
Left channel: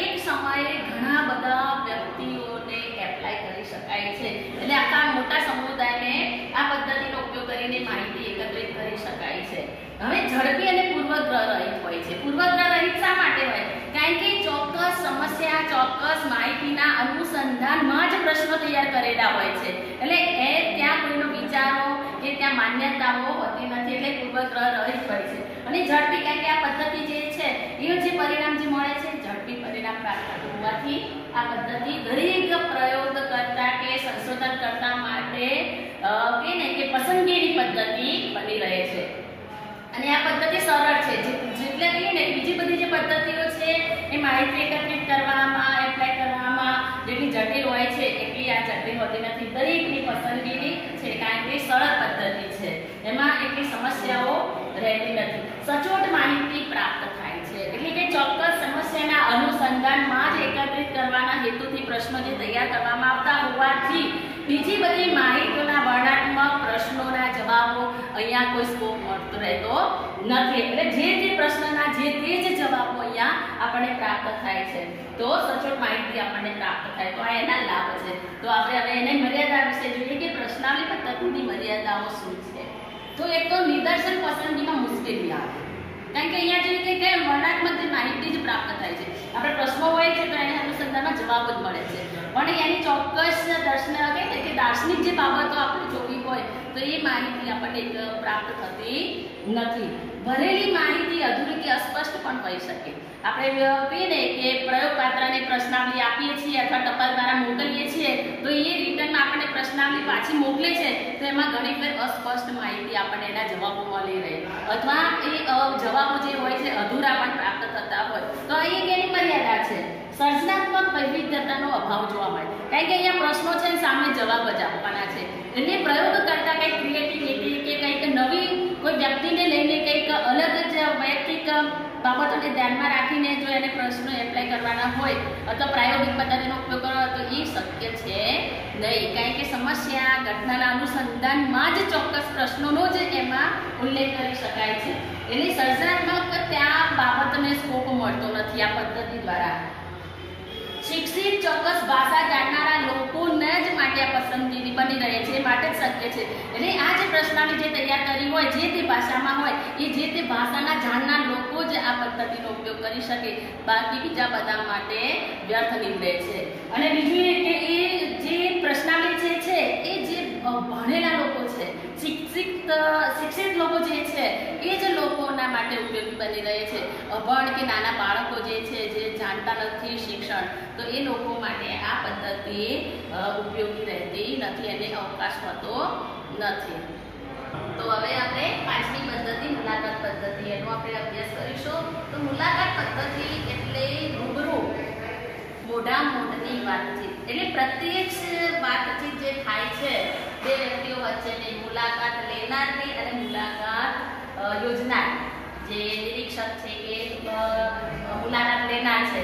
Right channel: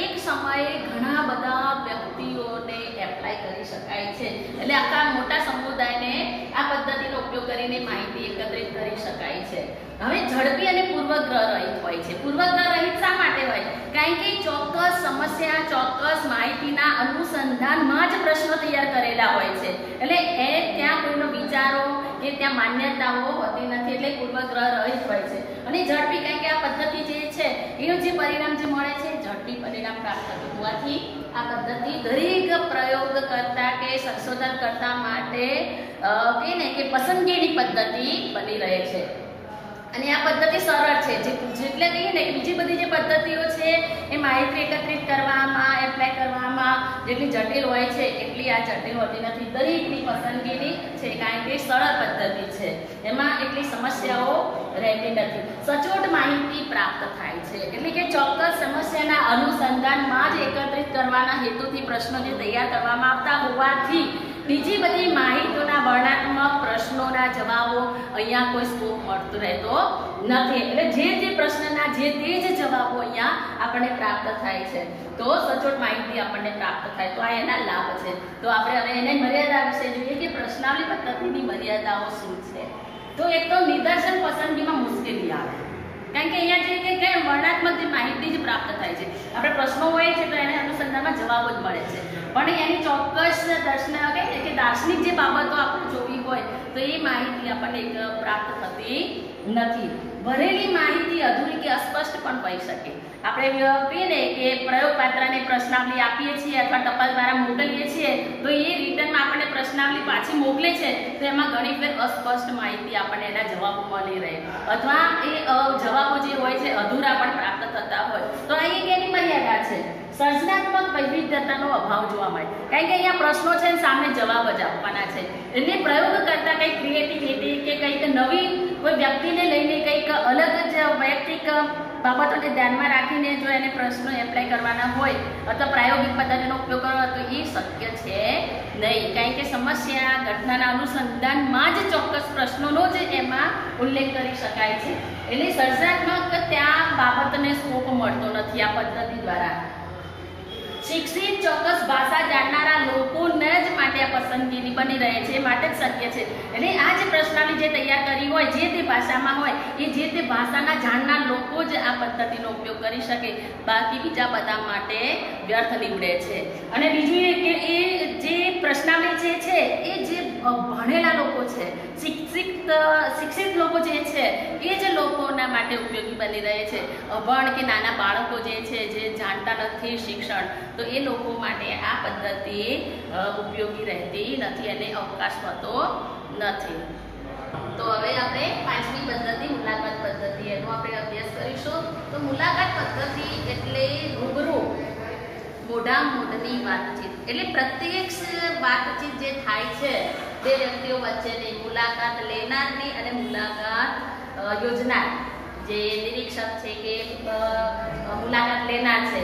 એક સમયે ઘણા બધા વ્યક્તિઓને એપ્લાય કરી શકાય છે. એટલે આખા મોટા સમુદાયને આ પદ્ધતિનો ઉપયોગ કરીને માહિતી એકત્રિત કરી શકાય છે. હવે ઝડપી અને પૂર્વગ્રહ રહિત હોય છે. પૂર્વગ્રહ રહિત શા માટે હોય? કારણ કે ચોક્કસ સમસ્યા, ચોક્કસ માહિતીના અનુસંધાનમાં જ પ્રશ્નો તૈયાર કરેલા હોય છે. એટલે ત્યાં કોઈનો વિચારો કે ત્યાં માન્યતાઓ હોતી નથી, એટલે પૂર્વગ્રહ રહિત હોય છે. અને ઝડપી, કારણ કે આ પદ્ધતિ જે છે એનું જે પરિણામ જે મળે છે ઝડપી પરિણામ પ્રાપ્ત થવાથી આ પદ્ધતિ દરેક પ્રયોગકર્તા કે સંશોધનકર્તા માટે કે પસંદગીની પદ્ધતિ બની રહે છે. અને આ પદ્ધતિ સરળ છે. જેટલે કહીએ ને બીજી બધી જે પદ્ધતિઓ છે એ માહિતી એકત્રિત કરવામાં, એપ્લાય કરવામાં જેટલી જટિલ હોય છે એટલી આ જટિલ હોતી નથી. દરેકની પસંદગીની છે, કારણ કે સરળ પદ્ધતિ છે, એમાં એટલી સમસ્યાઓ રહેતી નથી. સચોટ માહિતી પ્રાપ્ત થાય છે. એટલે કે ચોક્કસ સમસ્યાના અનુસંધાનમાં જ એકત્રિત કરવાના હેતુથી પ્રશ્નો જે તૈયાર કરવામાં આવતા હોવાથી બીજી બધી માહિતીઓના વર્ણનાત્મક પ્રશ્નોના જવાબો અહીંયા કોઈ સ્કોપ મળતો રહેતો નથી. એટલે જે પ્રશ્નના જે જ જવાબો અહીંયા આપણને પ્રાપ્ત થાય છે, તો સચોટ માહિતી આપણને પ્રાપ્ત થાય. તો આ એના લાભ છે. તો આપણે હવે એની મર્યાદા વિશે જોઈએ કે પ્રશ્નાવલી પદ્ધતિની મર્યાદાઓ શું છે. તો એક તો નિદર્શન પસંદગીમાં મુશ્કેલી આવે, કારણ કે અહીંયા જે કે વર્ણનાત્મક જે માહિતી જ પ્રાપ્ત થાય છે. આપણે પ્રશ્નો હોય છે તો એને અનુસંધાનમાં જવાબ જ મળે છે, પણ એની ચોક્કસ દાર્શનિક જે બાબતો આપણે જોવી હોય તો એ માહિતી આપણને પ્રાપ્ત થતી નથી. ભરેલી માહિતી અધૂરી કે અસ્પષ્ટ પણ હોઈ શકે. આપણે કહીએ ને કે પ્રયોગપાત્રને પ્રશ્નાવલી આપીએ છીએ અથવા ટપાલ દ્વારા મોકલીએ છીએ, તો એ રિટર્નમાં આપણને પ્રશ્નાવલી પાછી મોકલે છે તો એમાં ઘણી ફેર અસ્પષ્ટ માહિતી આપણને એના જવાબો મળી રહે, અથવા એ જવાબો જે હોય છે અધૂરા પણ પ્રાપ્ત થતા હોય. તો અહીં એની મર્યાદા છે. સર્જનાત્મક વૈવિધ્યતાનો અભાવ જોવા મળે, કારણ કે અહીંયા પ્રશ્નો છે સામે જવાબ જ આપવાના છે. એટલે પ્રયોગ કરતા કંઈક ક્રિએટિવિટી કે કંઈક નવી કોઈ વ્યક્તિને લઈને કંઈક અલગ જ વૈયક્તિક બાબતોને ધ્યાનમાં રાખીને જો એને પ્રશ્નો એપ્લાય કરવાના હોય અથવા પ્રાયોગિક પદ્ધતિનો ઉપયોગ કરવો તો એ શક્ય છે નહીં, કારણ કે સમસ્યા ઘટનાના અનુસંધાનમાં જ ચોક્કસ પ્રશ્નોનો જ એમાં ઉલ્લેખ કરી શકાય છે, એટલે સર્જનાત્મક ત્યાં બાબતને સ્કોપ મળતો નથી આ પદ્ધતિ દ્વારા. શિક્ષિત ચોક્કસ ભાષા જાણનારા લોકોને જ માટે આ પસંદગી બની રહે છે, એ માટે જ શક્ય છે. એટલે આ જે પ્રશ્નાવલી જે તૈયાર કરી હોય જે તે ભાષામાં હોય એ જે તે ભાષાના જાણનાર લોકો જ આ પદ્ધતિનો ઉપયોગ કરી શકે, બાકી બીજા બધા માટે વ્યર્થ નીવડે છે. અને બીજું એ કે એ જે પ્રશ્નાવલી છે એ જે ભણેલા લોકો છે, શિક્ષિત લોકો જે છે એ જ લોકોના માટે ઉપયોગી બની રહે છે. અભણ કે નાના બાળકો જે છે જે જાણતા નથી શિક્ષણ, તો એ લોકો માટે આ પદ્ધતિ ઉપયોગી રહેતી નથી અને અવકાશ હોતો નથી. તો હવે આપણે પાંચમી પદ્ધતિ મુલાકાત પદ્ધતિ એનો આપણે અભ્યાસ કરીશું. તો મુલાકાત પદ્ધતિ એટલે રૂબરૂ મોઢામોઢની વાતચીત, એટલે પ્રત્યક્ષ વાતચીત જે થાય છે બે વ્યક્તિઓ વચ્ચેની, મુલાકાત લેનારની અને મુલાકાત યોજનાર જે નિરીક્ષક છે કે મુલાકાત લેનાર છે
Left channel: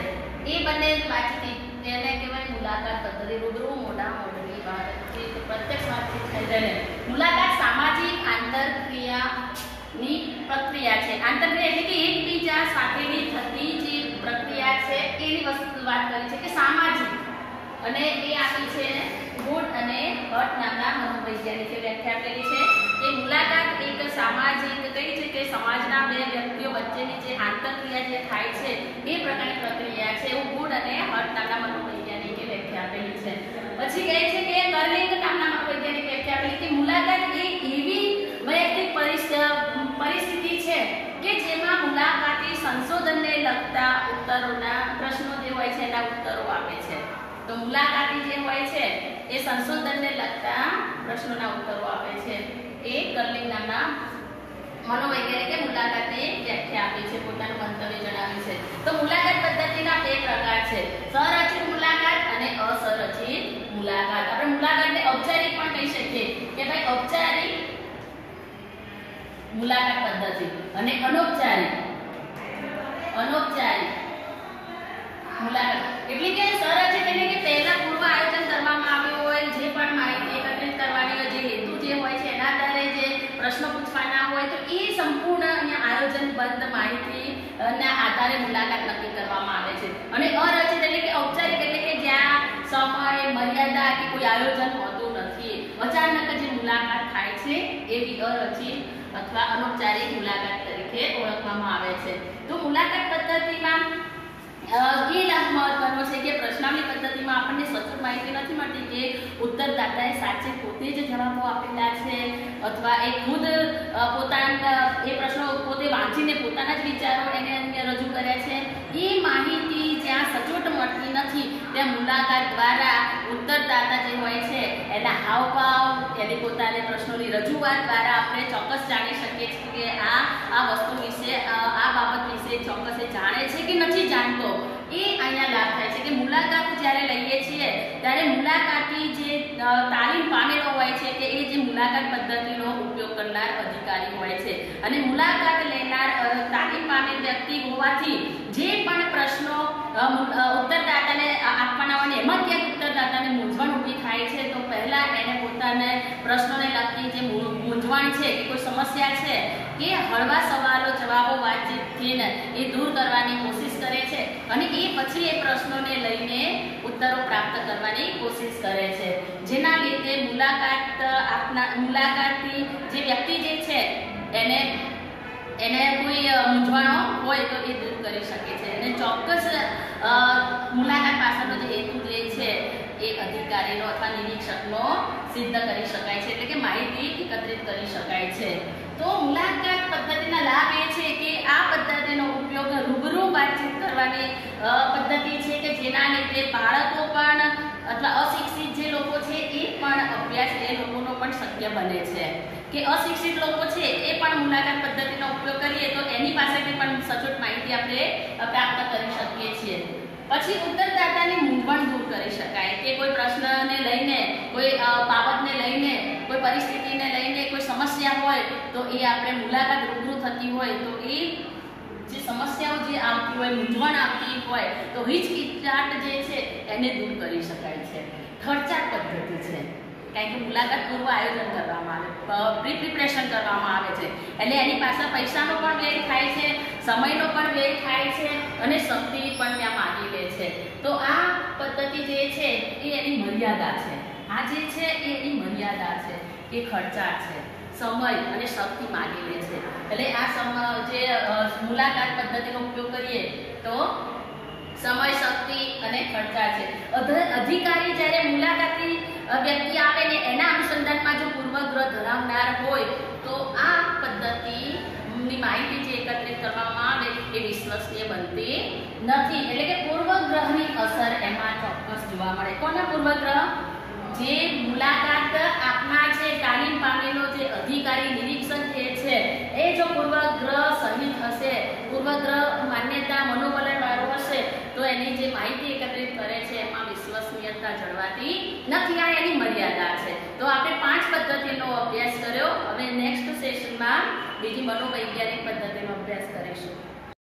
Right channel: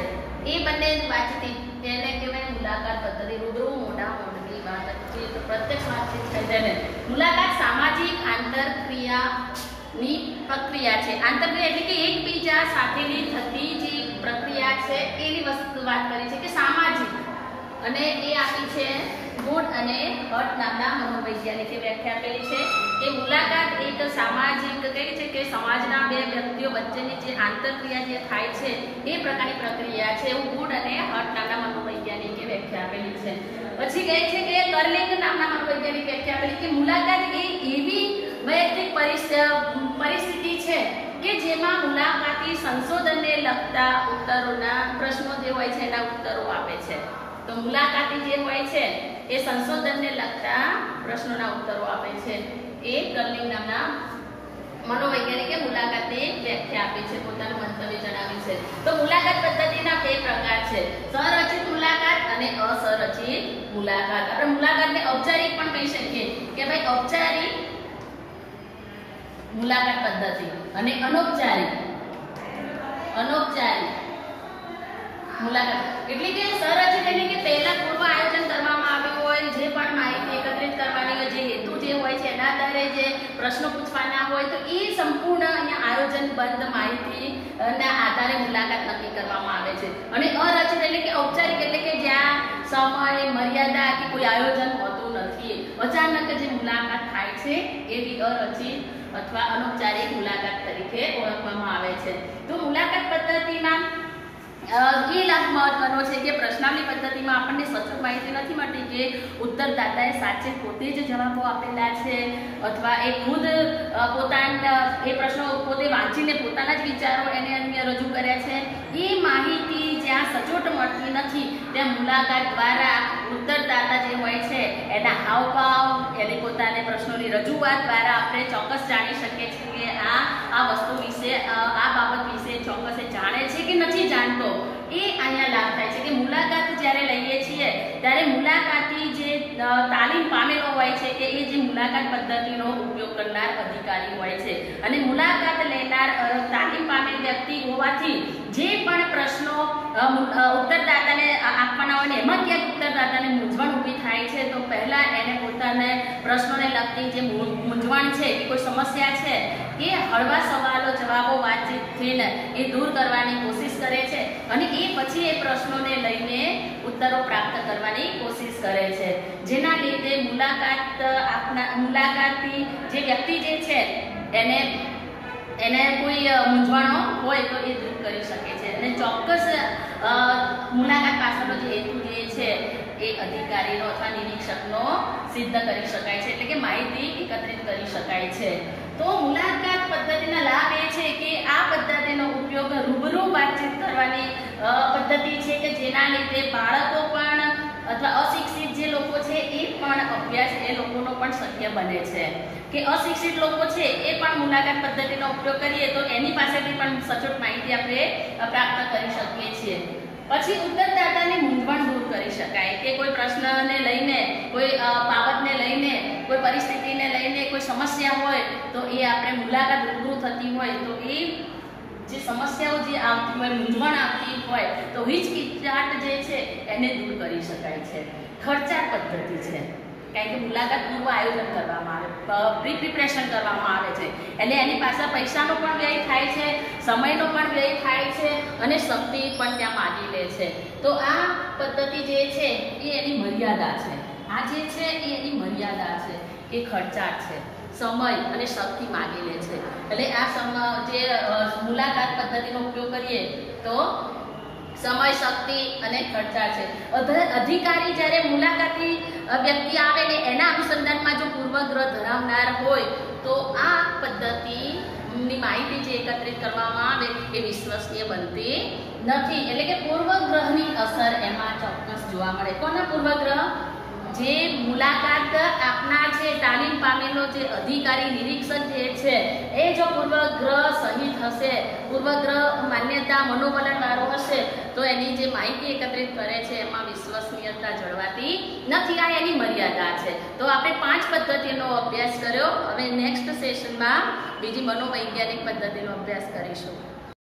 એ બંને વાતચીત તેને કહેવાય મુલાકાત પદ્ધતિ. રૂબરૂ મોઢામોઢની વાતચીત, પ્રત્યક્ષ વાતચીત થઈ તેને મુલાકાત સામાજિક આંતરક્રિયાની પ્રક્રિયા છે. આંતરક્રિયા એટલે કે એકબીજા સાથેની થતી જે પ્રક્રિયા છે એની વસ્તુ વાત કરી છે કે સામાજિક, અને એ આપી છે ગુડ અને હટ નામના મનોવૈજ્ઞાનિકે વ્યાખ્યા આપેલી છે કે મુલાકાત એક સામાજિક કઈ છે કે સમાજના બે વ્યક્તિઓ વચ્ચેની જે આંતરક્રિયા જે થાય છે એ પ્રકારની પ્રક્રિયા છે, એવું ગુડ અને હટ નામના મનોવૈજ્ઞાનિકે વ્યાખ્યા આપેલી છે. પછી કહે છે કે કર્લિંગ નામના મનોવૈજ્ઞાનિક વ્યાખ્યા આપેલી કે મુલાકાત એ એવી વૈયક્તિક પરિસ્થિતિ છે કે જેમાં મુલાકાતી સંશોધનને લગતા ઉત્તરોના પ્રશ્નો જે હોય છે એના ઉત્તરો આપે છે. તો મુલાકાતી જે હોય છે એ સંશોધનને લગતા પ્રશ્નોના ઉત્તરો આપે છે. એ કર્લિંગ નામના મનોવૈજ્ઞાનિકે મુલાકાતની વ્યાખ્યા આપી છે, પોતાનું મંતવ્ય જણાવ્યું છે. તો મુલાકાત પદ્ધતિના બે પ્રકાર છે, સંરચિત મુલાકાત અને અસંરચિત મુલાકાત. આપણે મુલાકાતને ઔપચારિક પણ કહી શકીએ કે ભાઈ ઔપચારિક મુલાકાત પદ્ધતિ અને અનૌપચારિક મુલાકાત. એટલે કે સંરચિત એટલે કે પહેલા પૂર્વ આયોજન કરવામાં આવ્યું હોય, જે પણ માહિતી એકત્રિત કરવાની હોય, જે હેતુ જે હોય છે એના આધારે જે પ્રશ્નો પૂછવાના હોય તો એ સંપૂર્ણ અહીંયા આયોજનબદ્ધ માહિતી ના આધારે મુલાકાત નક્કી કરવામાં આવે છે. અને અરચિત એટલે કે ઔપચારિક એટલે કે જ્યાં સમય મર્યાદા કે કોઈ આયોજન હોતું નથી, અચાનક જે મુલાકાત થાય છે એવી અરચિત અથવા અનૌપચારિક મુલાકાત તરીકે ઓળખવામાં આવે છે. તો મુલાકાત પદ્ધતિમાં એ લાભ મહત્વનો છે કે પ્રશ્નાવલી પદ્ધતિમાં આપણને સચોટ માહિતી નથી મળતી કે ઉત્તરદાતાએ સાચે પોતે જ જવાબો આપેલા છે અથવા એ ખુદ પોતાના એ પ્રશ્નો પોતે વાંચીને પોતાના જ વિચારો એને અન્ય રજૂ કર્યા છે. એ માહિતી જ્યાં સચોટ મળતી નથી ત્યાં મુલાકાત દ્વારા ઉત્તરદાતા જે હોય છે એના હાવભાવ, એની પોતાને પ્રશ્નોની રજૂઆત દ્વારા આપણે ચોક્કસ જાણી શકીએ છીએ કે આ વસ્તુ વિશે આ બાબત વિશે ચોક્કસ એ જાણે છે કે નથી જાણતો. એ અહીંયા લાભ થાય છે કે મુલાકાત જ્યારે લઈએ છીએ ત્યારે મુલાકાતી જે તાલીમ પામેલો હોય છે કે એ જે મુલાકાત પદ્ધતિનો ઉપયોગ કરનાર અધિકારી હોય છે અને મુલાકાત લેનાર તાલીમ પામેલ વ્યક્તિ હોવાથી જે પણ પ્રશ્નો ઉત્તરદાતાને આપવાના હોય ને એમાં ક્યાંક ઉત્તરદાતાને મૂંઝવણ ઊભી થાય છે તો પહેલા એને પોતાને પ્રશ્નોને લગતી જે મૂંઝવણ છે કે કોઈ સમસ્યા છે એ હળવા સવાલો જવાબો વાતચીતથી એ દૂર કરવાની કોશિશ કરે છે અને એ પછી એ પ્રશ્નોને લઈને ઉત્તરો પ્રાપ્ત કરવાની કોશિશ કરે છે, જેના લીધે મુલાકાતી જે વ્યક્તિ જે છે એને કોઈ મૂંઝવણો હોય તો એ દૂર કરી શકે છે અને ચોક્કસ મુલાકાત પાછળનો જે હેતુ જે છે એ અધિકારીનો અથવા નિરીક્ષકનો સિદ્ધ કરી શકાય છે, એટલે કે માહિતી એકત્રિત કરી શકાય છે. તો મુલાકાત પદ્ધતિના લાભ એ છે કે આ પદ્ધતિનો ઉપયોગ રૂબરૂ વાતચીત કરવાની પદ્ધતિ છે કે જેના લીધે બાળકો પણ અથવા અશિક્ષિત જે લોકો છે એ પણ અભ્યાસ એ લોકોનો પણ શક્ય બને છે કે અશિક્ષિત લોકો છે એ પણ મુલાકાત પદ્ધતિનો ઉપયોગ કરીએ તો એની પાસેથી પણ સચોટ માહિતી આપણે પ્રાપ્ત કરી શકીએ છીએ. પછી ઉત્તરદાતાની મૂંઝવણ દૂર કરી શકાય કે કોઈ પ્રશ્નને લઈને, કોઈ બાબતને લઈને, કોઈ પરિસ્થિતિને લઈને, કોઈ સમસ્યા હોય તો એ આપણે મુલાકાત રૂબરૂ થતી હોય તો એ જે સમસ્યાઓ જે આવતી હોય, મૂંઝવણ આવતી હોય તો હિચકિચાટ જે છે એને દૂર કરી શકાય છે. ખર્ચાળ પદ્ધતિ છે, કારણ કે મુલાકાત પૂર્વ આયોજન કરવામાં આવે, પ્રી પ્રિપરેશન કરવામાં આવે છે, એટલે એની પાછળ પૈસાનો પણ વ્યય થાય છે, સમયનો પણ વ્યય થાય છે અને શક્તિ પણ ત્યાં માગી લે છે. તો આ પદ્ધતિ જે છે એ એની મર્યાદા છે. આ જે છે એ એની મર્યાદા છે, એ ખર્ચાળ છે, સમય અને શક્તિ માગી લે છે. એટલે આ જે મુલાકાત પદ્ધતિનો ઉપયોગ કરીએ તો સમય, શક્તિ અને ખર્ચાળ છે. અધિકારી જ્યારે મુલાકાતી વ્યક્તિ આવે ને એના અનુસંધાનમાં જો પૂર્વગ્રહ ધરાવનાર હોય તો આ પદ્ધતિની માહિતી જે એકત્રિત કરવામાં આવે એ વિશ્વસનીય બનતી નથી. એટલે કે પૂર્વગ્રહની અસર એમાં ચોક્કસ જોવા મળે. કોના પૂર્વગ્રહ? જે મુલાકાત આપનાર છે, તાલીમ પામેલો જે અધિકારી નિરીક્ષક જે છે એ જો પૂર્વગ્રહ સહિત હશે, પૂર્વગ્રહ માન્યતા મનોવલણ વાળો હશે તો એની જે માહિતી એકત્રિત કરે છે એમાં વિશ્વસનીયતા જળવાતી નથી. આ એની મર્યાદા છે. તો આપણે 5 પદ્ધતિનો અભ્યાસ કર્યો. હવે નેક્સ્ટ સેશનમાં બીજી મનોવૈજ્ઞાનિક પદ્ધતિનો અભ્યાસ કરીશું.